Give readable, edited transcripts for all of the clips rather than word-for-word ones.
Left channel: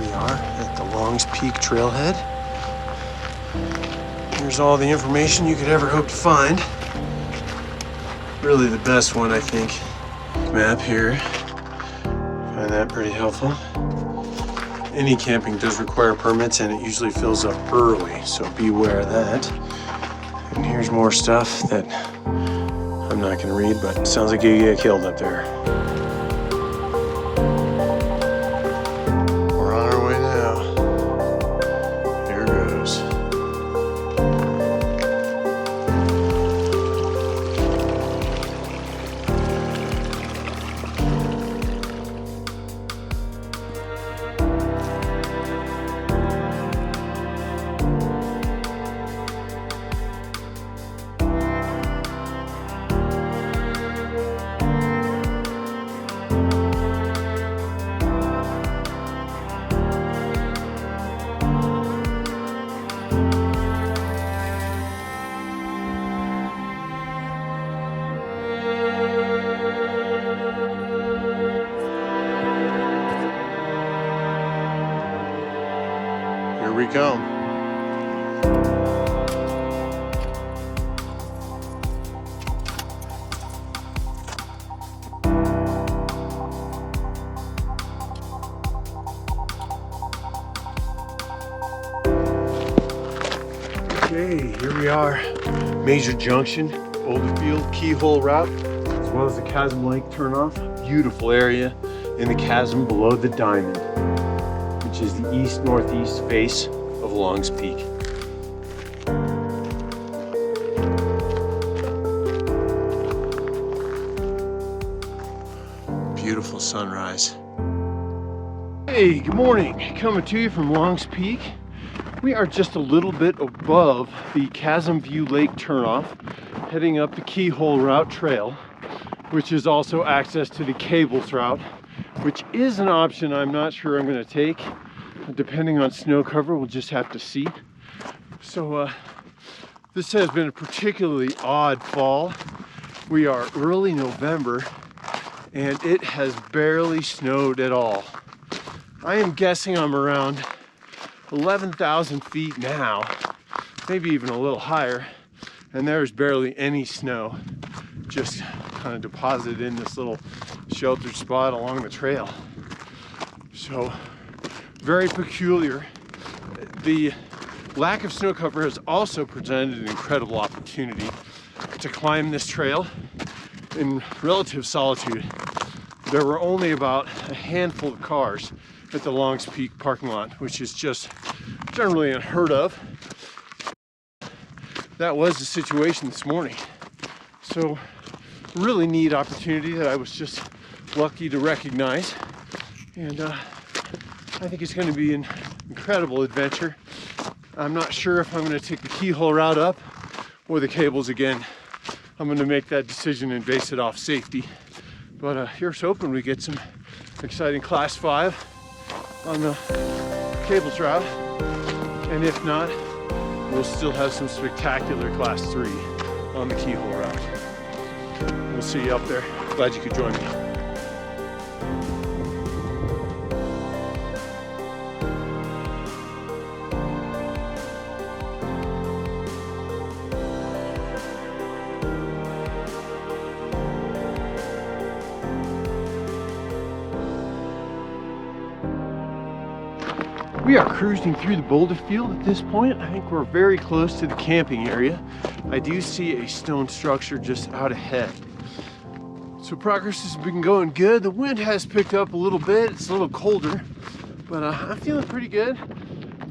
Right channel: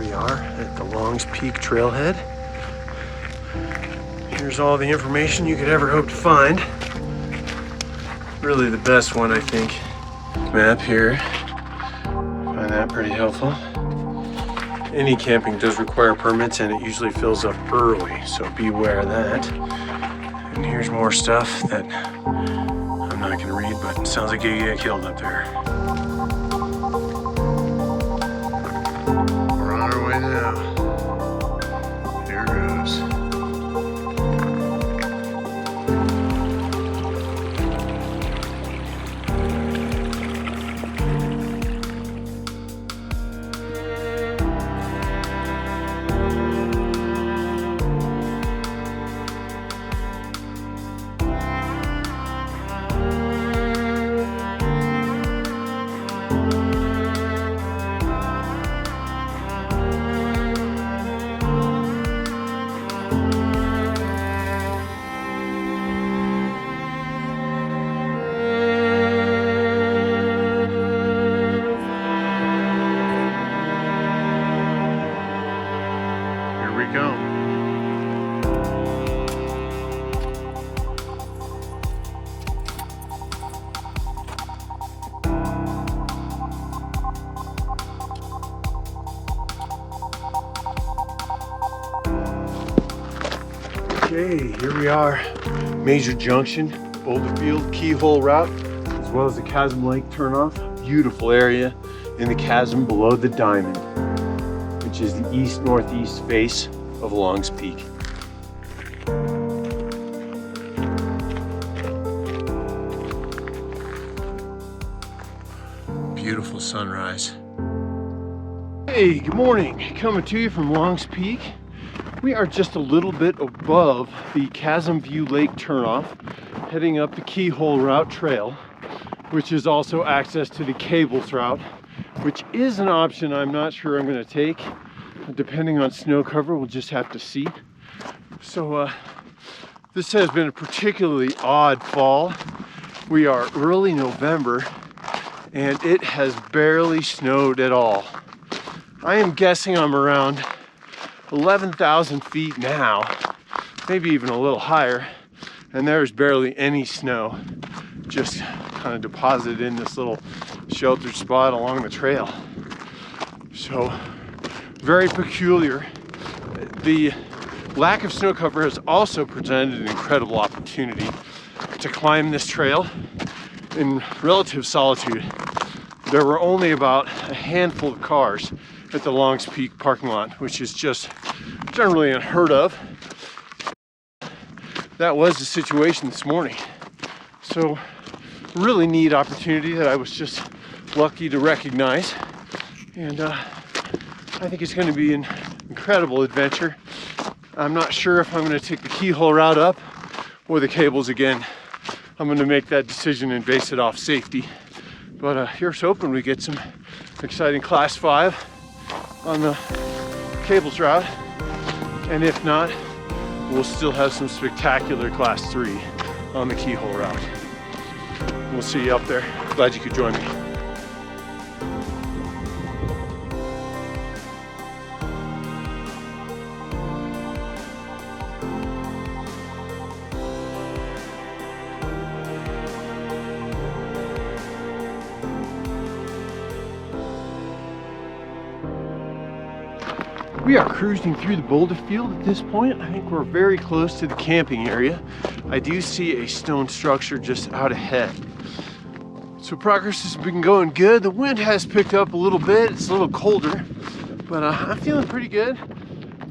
we are at the Longs Peak Trailhead. Here's all the information you could ever hope to find. Really the best one, I think. Map here. Find that pretty helpful. Any camping does require permits and it usually fills up early, so beware of that. And here's more stuff that I'm not gonna read, but it sounds like you get killed up there. We're on our way now. Here goes. Here we go. Okay, here we are. Major junction, boulder field, Keyhole route, as well as the Chasm Lake turnoff. Beautiful area in the chasm below the diamond, which is the east-northeast face of Longs Peak. Beautiful sunrise. Hey, good morning. Coming to you from Longs Peak. We are just a little bit above the Chasm View Lake turnoff, heading up the Keyhole route trail, which is also access to the cables route, which is an option I'm not sure I'm going to take. Depending on snow cover, we'll just have to see. So this has been a particularly odd fall. We are early November and it has barely snowed at all. I am guessing I'm around 11,000 feet now, maybe even a little higher, and there's barely any snow, just kind of deposited in this little sheltered spot along the trail. So very peculiar. The lack of snow cover has also presented an incredible opportunity to climb this trail in relative solitude. There were only about a handful of cars at the Longs Peak parking lot, which is just generally unheard of. That was the situation this morning. So really neat opportunity that I was just lucky to recognize. And I think it's going to be an incredible adventure. I'm not sure if I'm going to take the Keyhole route up or the cables again. I'm going to make that decision and base it off safety. But here's hoping we get some exciting Class 5 on the cables route. And if not, we'll still have some spectacular Class 3 on the Keyhole route. We'll see you up there. Glad you could join me. We are cruising through the boulder field at this point. I think we're very close to the camping area. I do see a stone structure just out ahead. So progress has been going good. The wind has picked up a little bit. It's a little colder, but I'm feeling pretty good.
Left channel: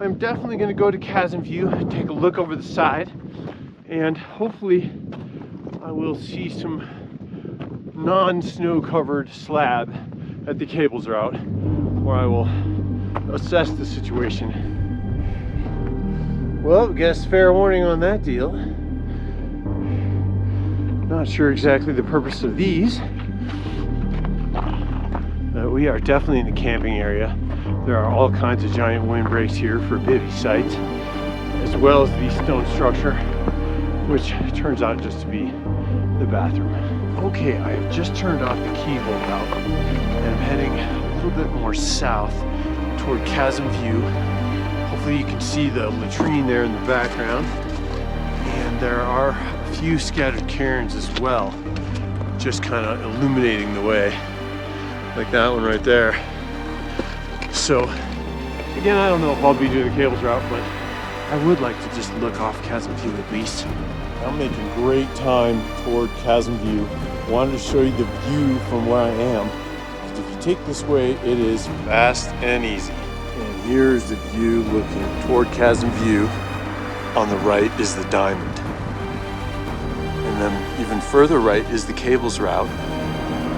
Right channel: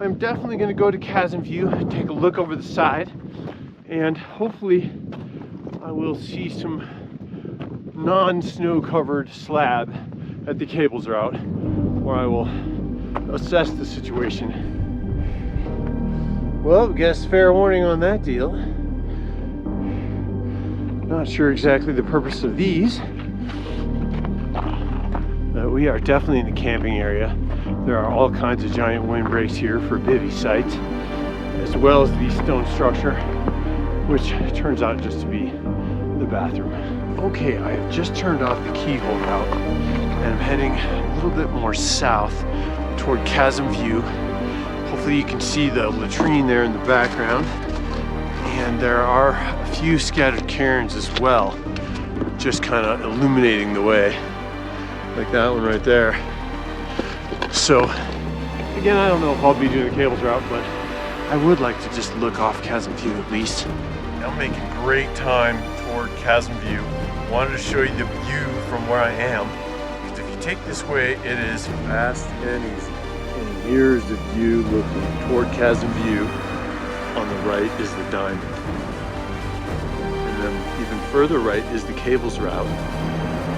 I'm definitely gonna go to Chasm View, take a look over the side, and hopefully I will see some non-snow covered slab at the cables route, where I will assess the situation. Well, guess fair warning on that deal. Not sure exactly the purpose of these, but we are definitely in the camping area. There are all kinds of giant windbreaks here for bivvy sites, as well as the stone structure, which turns out just to be the bathroom. Okay, I have just turned off the Keyhole route and I'm heading a little bit more south toward Chasm View. Hopefully you can see the latrine there in the background. And there are a few scattered cairns as well, just kind of illuminating the way, like that one right there. So again, I don't know if I'll be doing the cables route, but I would like to just look off Chasm View at least. I'm making great time toward Chasm View. Wanted to show you the view from where I am, because if you take this way, it is fast and easy. And here's the view looking toward Chasm View. On the right is the diamond. And then even further right is the cables route.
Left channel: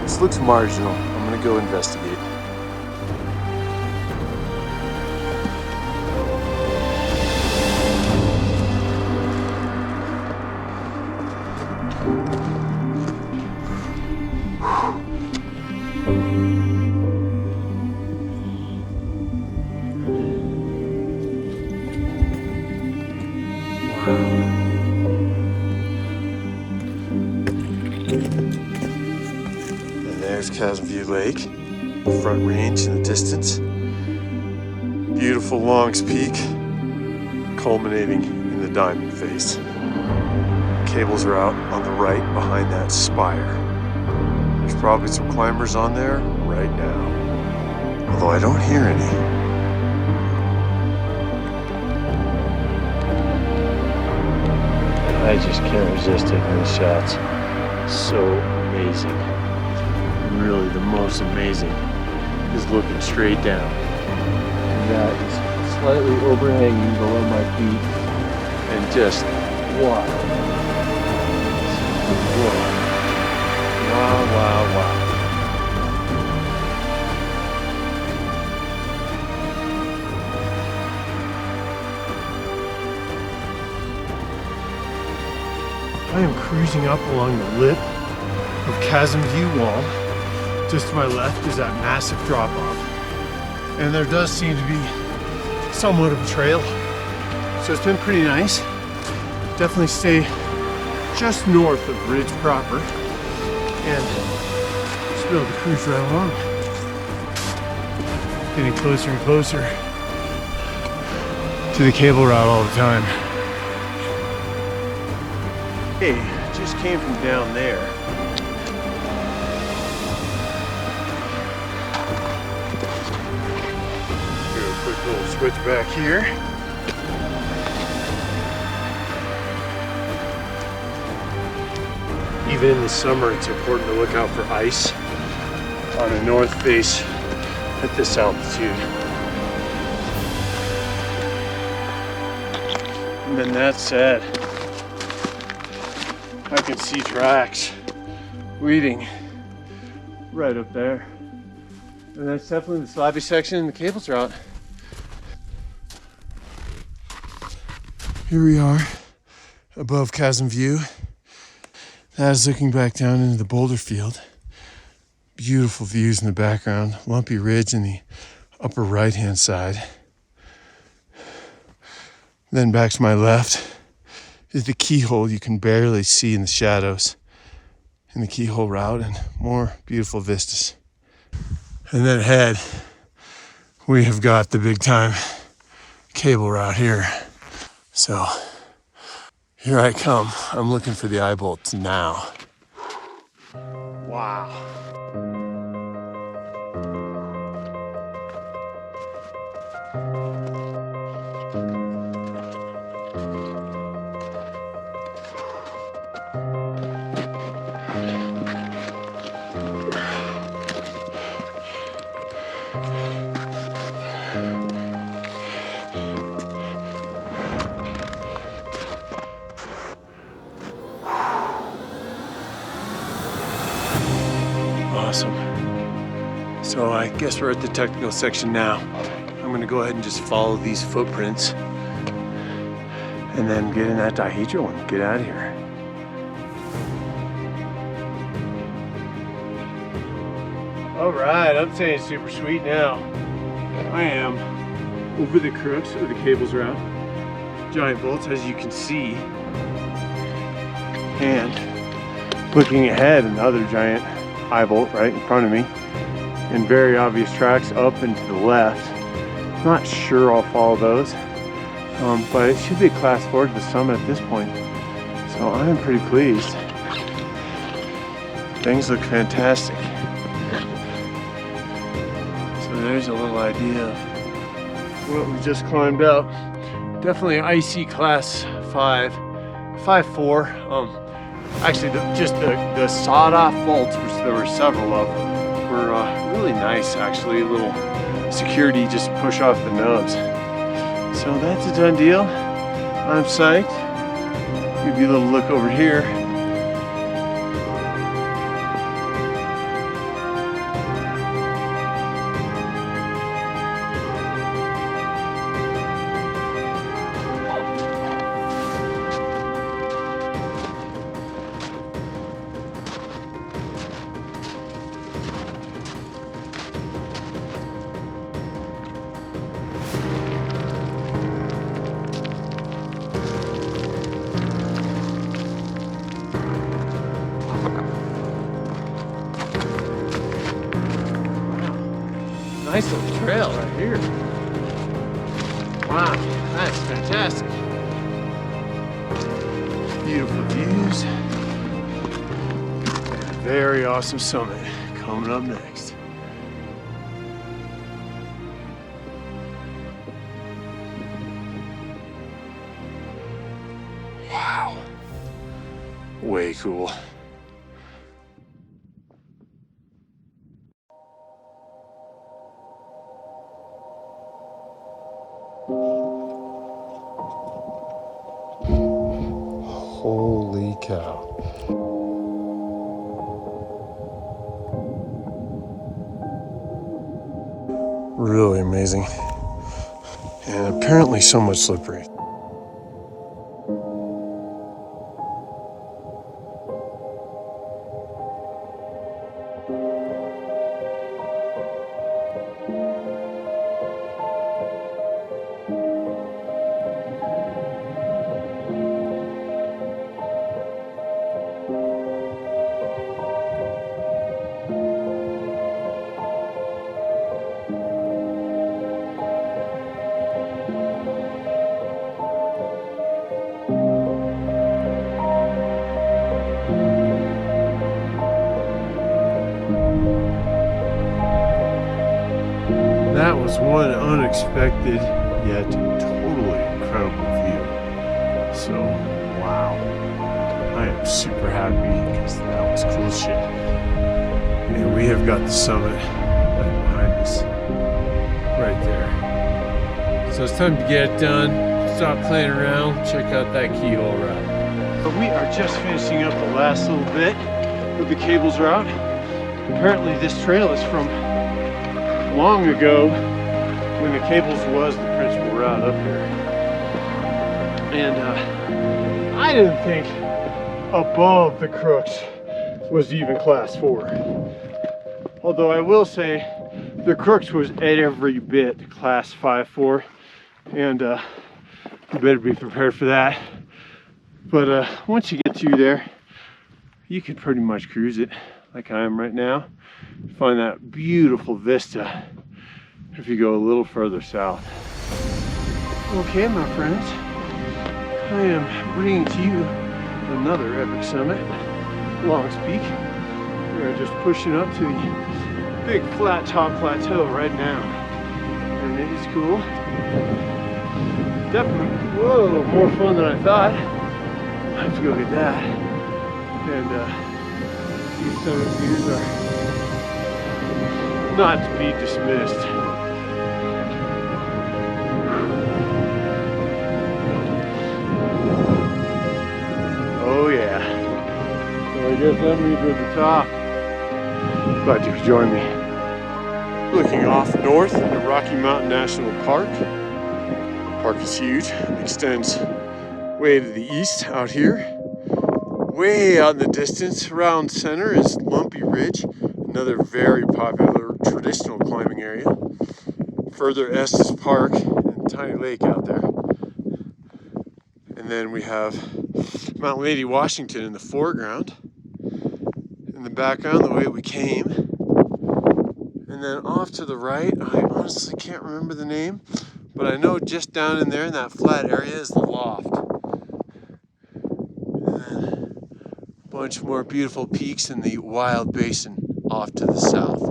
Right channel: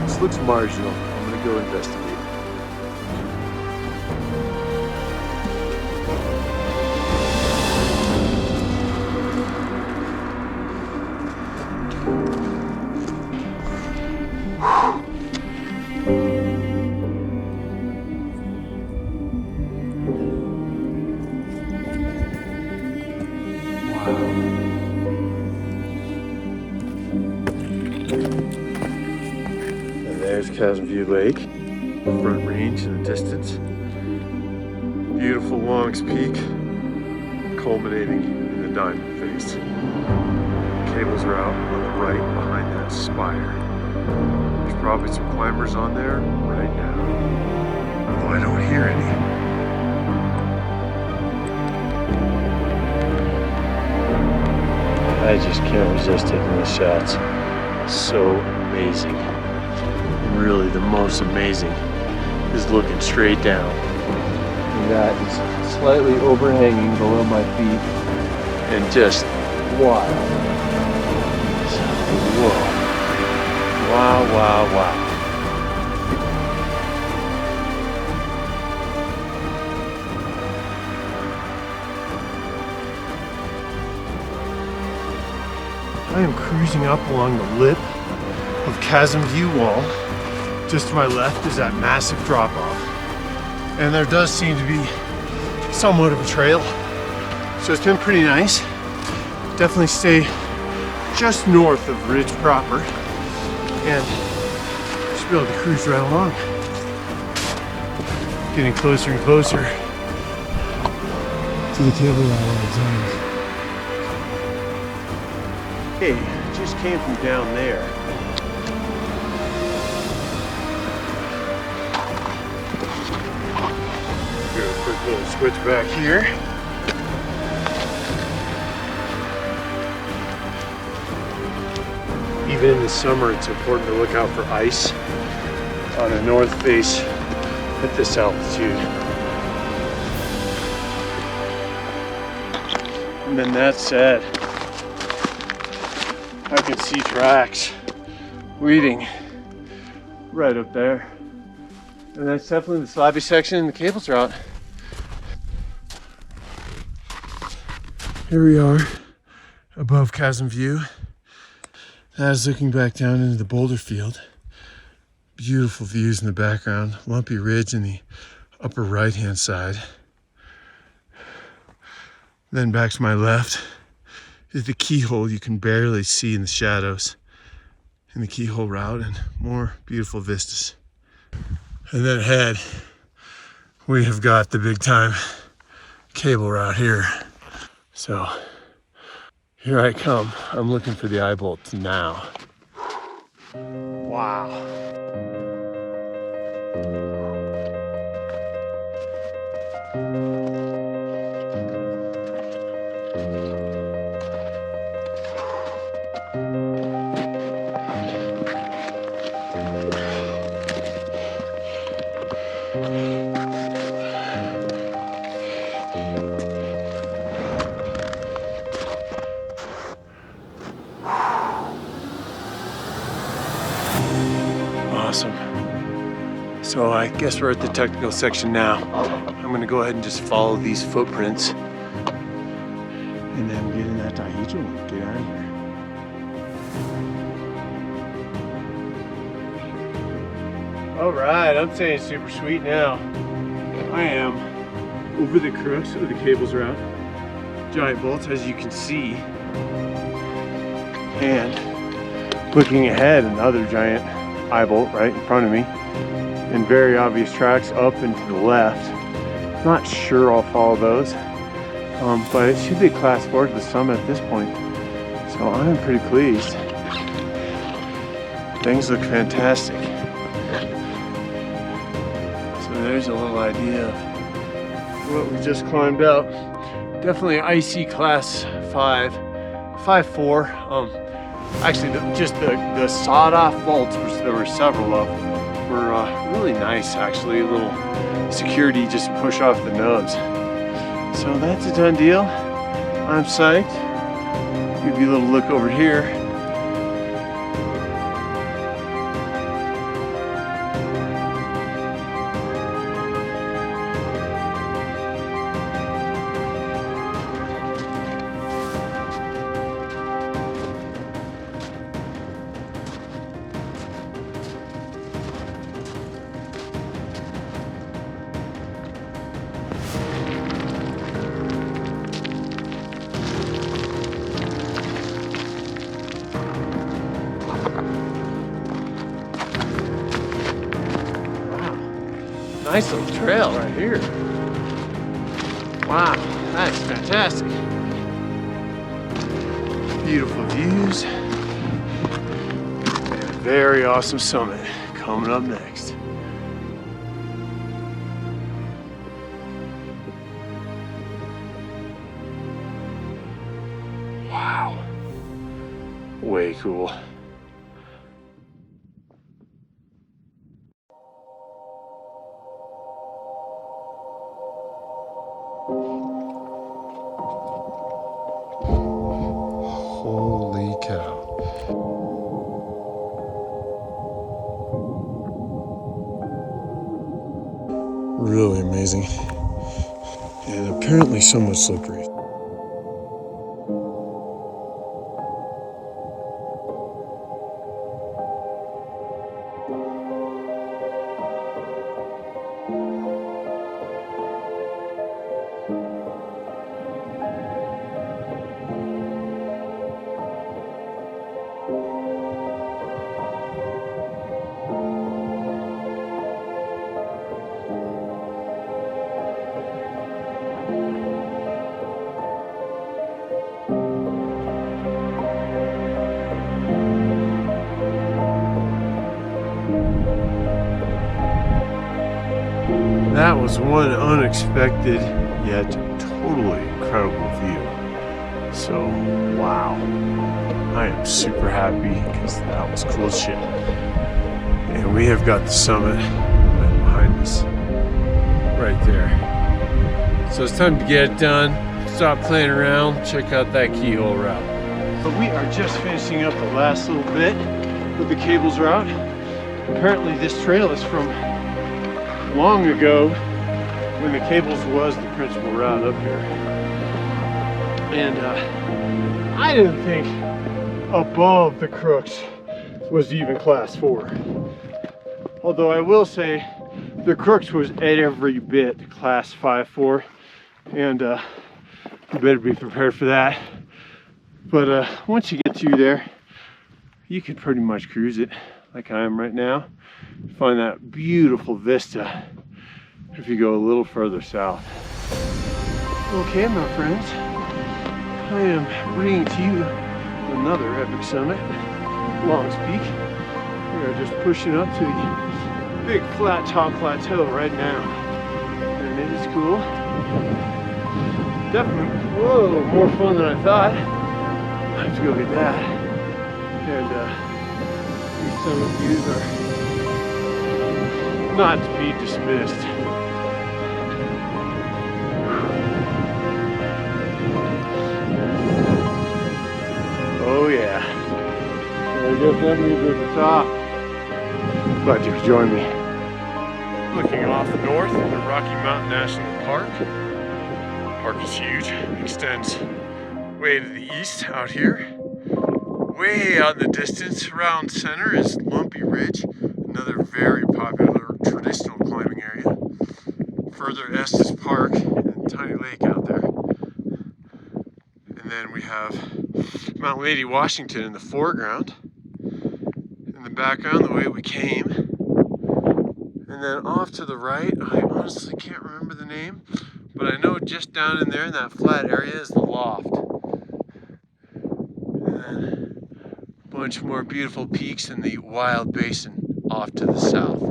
This looks marginal. I'm gonna go investigate. And there's Chasm View Lake, Front Range in the distance. Beautiful Longs Peak, culminating in the diamond face. Cables route on the right behind that spire. There's probably some climbers on there right now, although I don't hear any. I just can't resist taking these shots. So amazing. And really the most amazing is looking straight down. And that is slightly overhanging below my feet and just wild. So, whoa. Wow, wow, wow. I am cruising up along the lip of Chasm View Wall. Just to my left is that massive drop off. And there does seem to be somewhat of a trail. So it's been pretty nice. Definitely stay just north of Ridge proper and just be able to cruise right along. Getting closer and closer to the cable route all the time. Hey, just came from down there. Do a quick little switch back here. Even in the summer, it's important to look out for ice on a north face at this altitude. And then that said, I can see tracks leading right up there. And that's definitely the slabby section in the cables route. Here we are above Chasm View. That is looking back down into the boulder field. Beautiful views in the background. Lumpy ridge in the upper right hand side. Then back to my left is the Keyhole you can barely see in the shadows in the Keyhole route, and more beautiful vistas. And then ahead, we have got the big time cable route here. So here I come. I'm looking for the eye bolts now. Wow. Awesome. So I guess we're at the technical section now. I'm gonna go ahead and just follow these footprints and then get in that dihedral and get out of here. All right, I'm saying super sweet now. I am over the crux of the cables route. Giant bolts, as you can see. And looking ahead, another giant eye bolt right in front of me. And very obvious tracks up and to the left. Not sure I'll follow those, but it should be a class 4 to the summit at this point. So I'm pretty pleased. Things look fantastic. So there's a little idea of what we just climbed out. Definitely icy class 5, 5-4. Actually, just the sawed-off vaults, which there were several of, were really nice. Actually, a little security just to push off the nubs. So that's a done deal. I'm psyched. Give you a little look over here. Nice little trail right here. Wow, that's fantastic. Beautiful views. And a very awesome summit coming up next. Wow. Way cool. Holy cow. Really amazing. And apparently so much slippery. That was one unexpected yet totally incredible view. So, wow. I am super happy because that was cool shit. And we have got the summit behind us right there. So it's time to get it done. Stop playing around. Check out that Keyhole route. But we are just finishing up the last little bit with the cables route. Apparently this trail is from long ago when the cables was the principal route up here. And I didn't think above the crooks was even class 4. Although I will say the crooks was every bit class 5-4, and you better be prepared for that. But once you get through there, you can pretty much cruise it like I am right now. Find that beautiful vista if you go a little further south. Okay, my friends, I am bringing to you another epic summit, Longs Peak. We are just pushing up to the big flat top plateau right now, and it is cool. Definitely, whoa, more fun than I thought. I have to go get that. And these summit views are not to be dismissed. Oh yeah. So I guess that means we're at the top. Glad you could join me. Looking off north at the Rocky Mountain National Park. The park is huge. It extends way to the east out here. Way out in the distance, around center, is Lumpy Ridge, another very popular traditional climbing area. Further east is Park and Tiny Lake out there. And then we have Mount Lady, Washington in the foreground. In the background, the way we came. And And then off to the right, I honestly can't remember the name, but I know just down in there in that flat area is the loft. And then a bunch more beautiful peaks in the wild basin off to the south.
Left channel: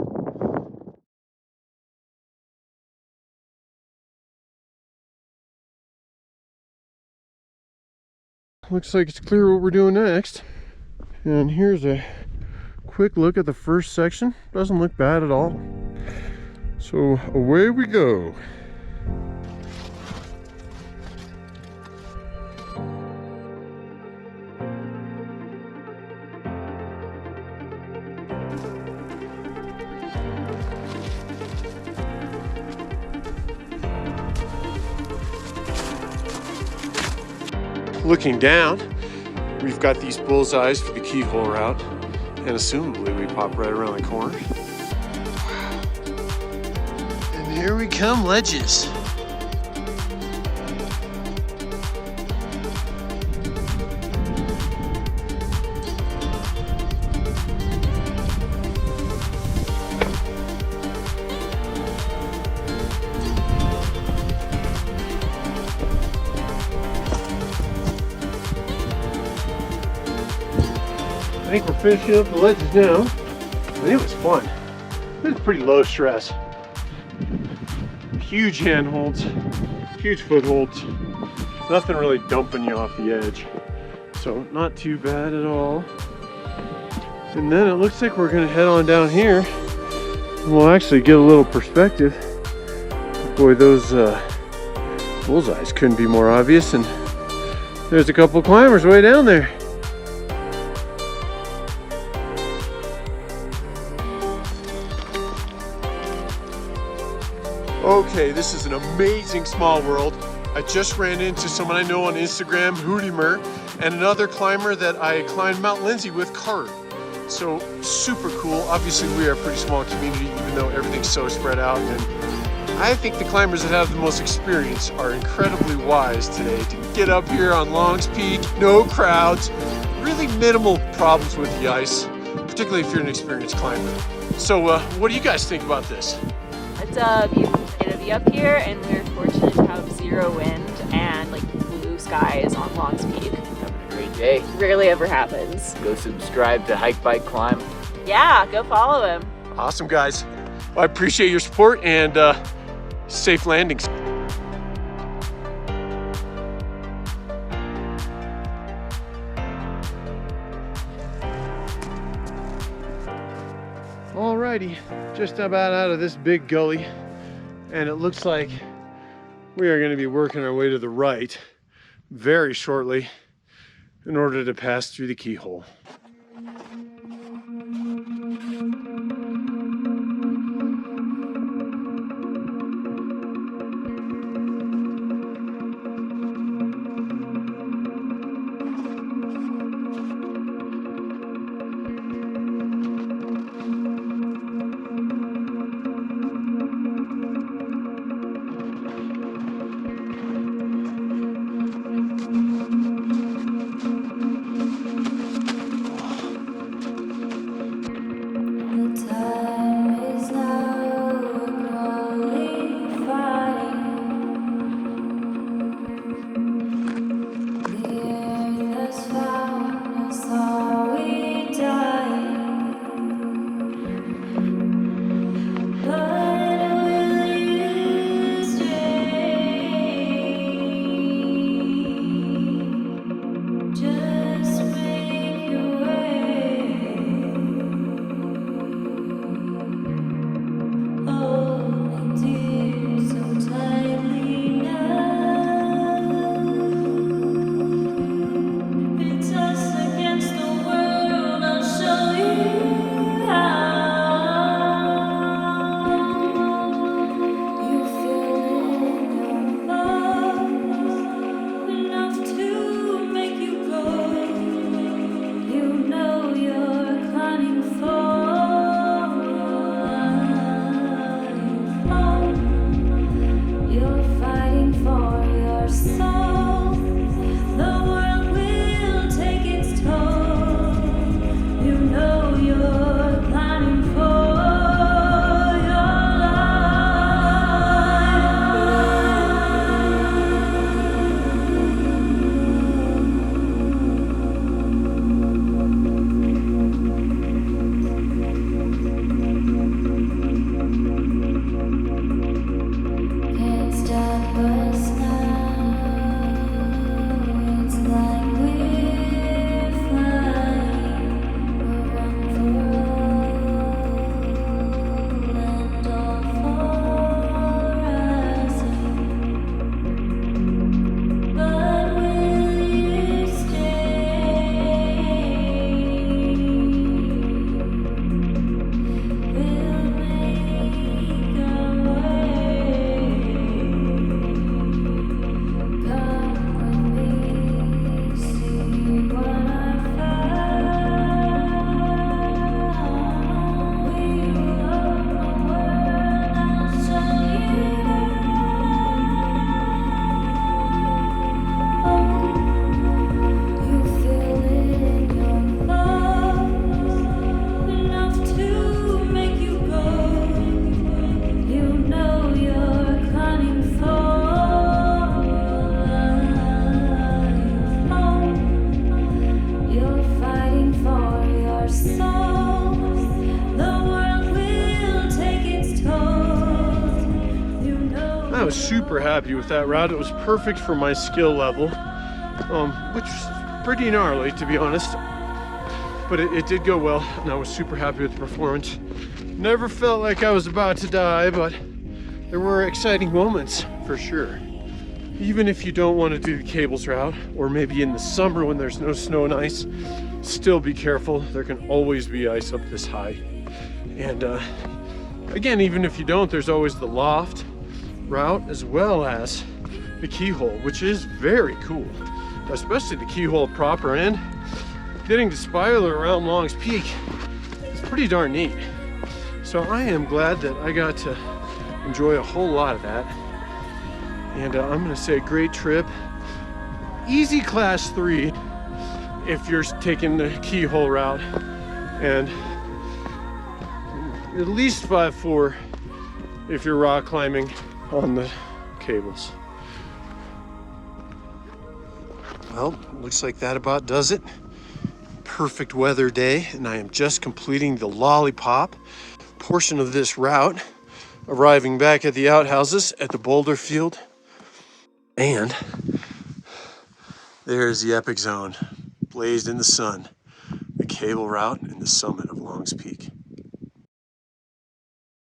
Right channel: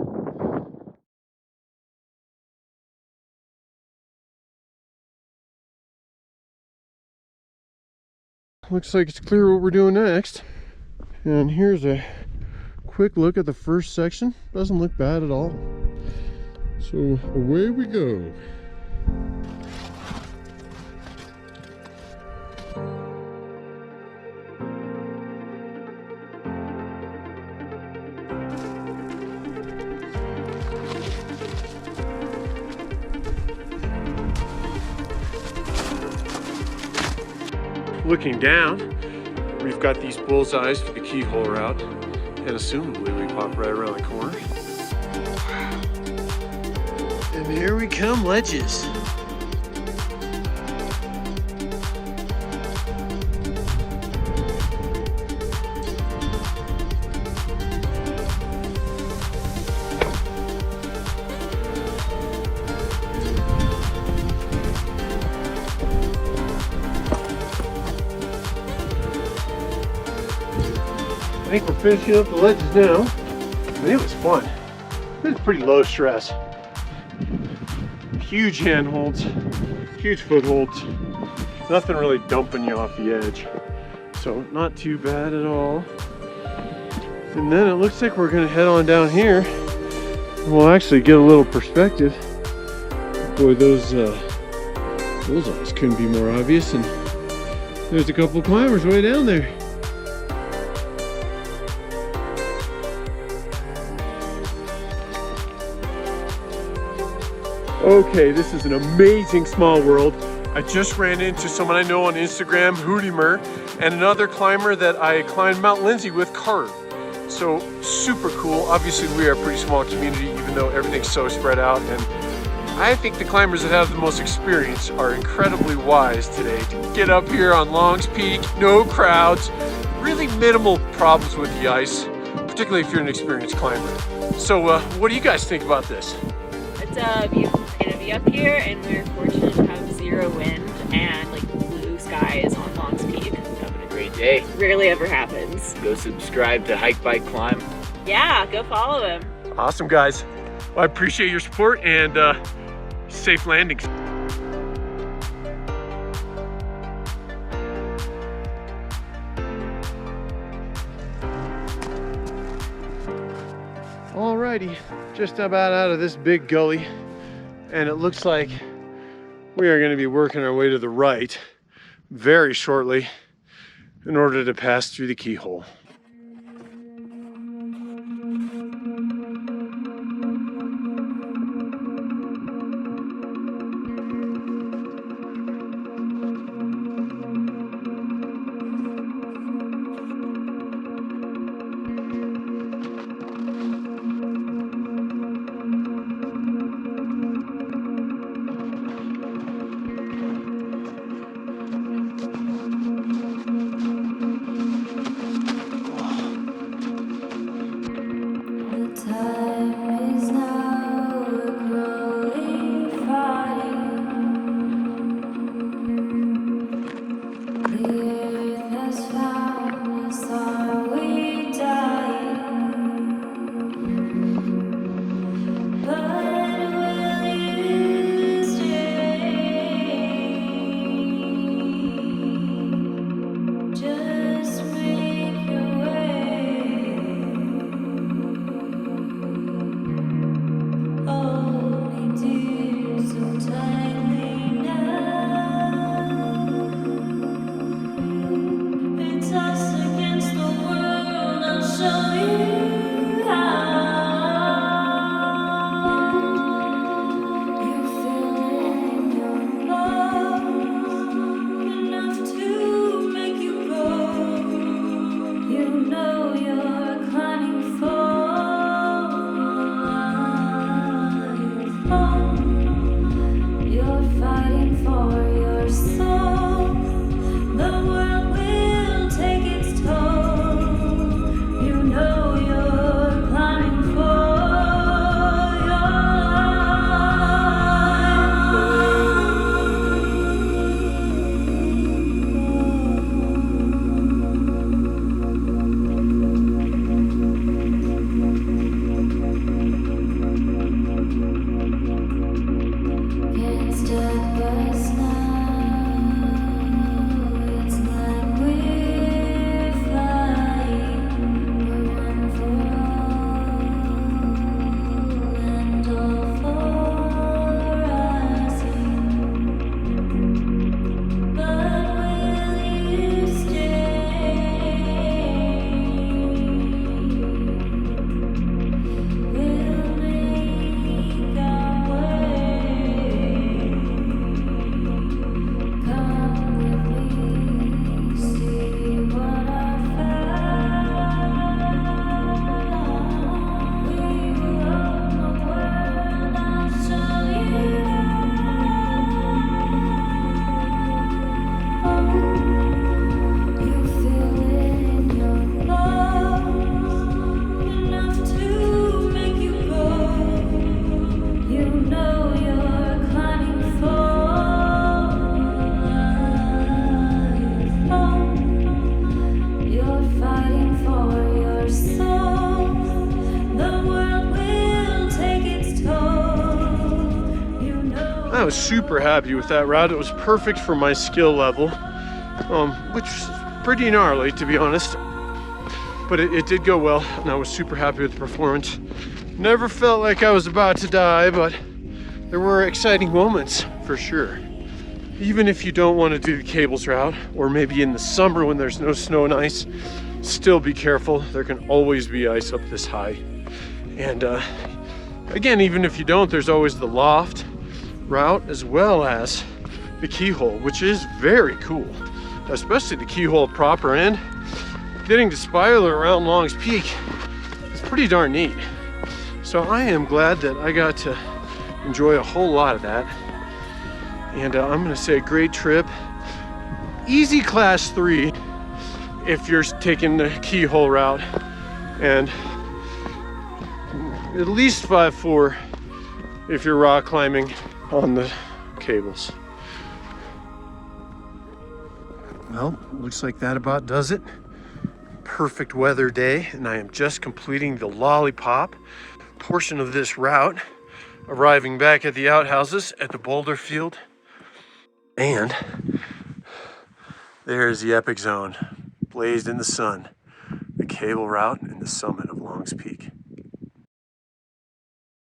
Looks like it's clear what we're doing next. And here's a quick look at the first section. Doesn't look bad at all. So away we go. Looking down, we've got these bullseyes for the Keyhole route, and assumably we pop right around the corner. Wow. And here we come, ledges. I think we're finishing up the ledges now. I think it was fun. It was pretty low stress. Huge handholds, huge footholds. Nothing really dumping you off the edge. So not too bad at all. And then it looks like we're gonna head on down here and we'll actually get a little perspective. Boy, those bullseyes couldn't be more obvious, and there's a couple climbers way down there. Okay, this is an amazing small world. I just ran into someone I know on Instagram, Hoodimer, and another climber that I climbed Mount Lindsay with, Carter. So super cool. Obviously we are a pretty small community, even though everything's so spread out. And I think the climbers that have the most experience are incredibly wise today to get up here on Long's Peak, no crowds, really minimal problems with the ice, particularly if you're an experienced climber. So what do you guys think about this? It's a beautiful day to be up here, and we're fortunate to have zero wind and like blue skies on Long's Peak. Having a great day. Rarely ever happens. Go subscribe to Hike, Bike, Climb. Yeah, go follow him. Awesome, guys. Well, I appreciate your support, and safe landings. Alrighty, just about out of this big gully, and it looks like we are going to be working our way to the right very shortly in order to pass through the Keyhole. was super happy with that route. It was perfect for my skill level, which was pretty gnarly, to be honest. But it did go well, and I was super happy with the performance. Never felt like I was about to die, but there were exciting moments for sure. Even if you don't want to do the cables route, or maybe in the summer when there's no snow and ice, still be careful. There can always be ice up this high. And again, even if you don't, there's always the loft route as well as the Keyhole, which is very cool, especially the Keyhole proper. And getting to spiral around Long's Peak is pretty darn neat. So I am glad that I got to enjoy a whole lot of that. And I'm gonna say great trip. Easy class 3 if you're taking the Keyhole route, and at least 5.4 if you're rock climbing on the cables. Well, looks like that about does it. Perfect weather day, and I am just completing the lollipop portion of this route, arriving back at the outhouses at the boulder field. And there's the epic zone, blazed in the sun, the cable route and the summit of Long's Peak.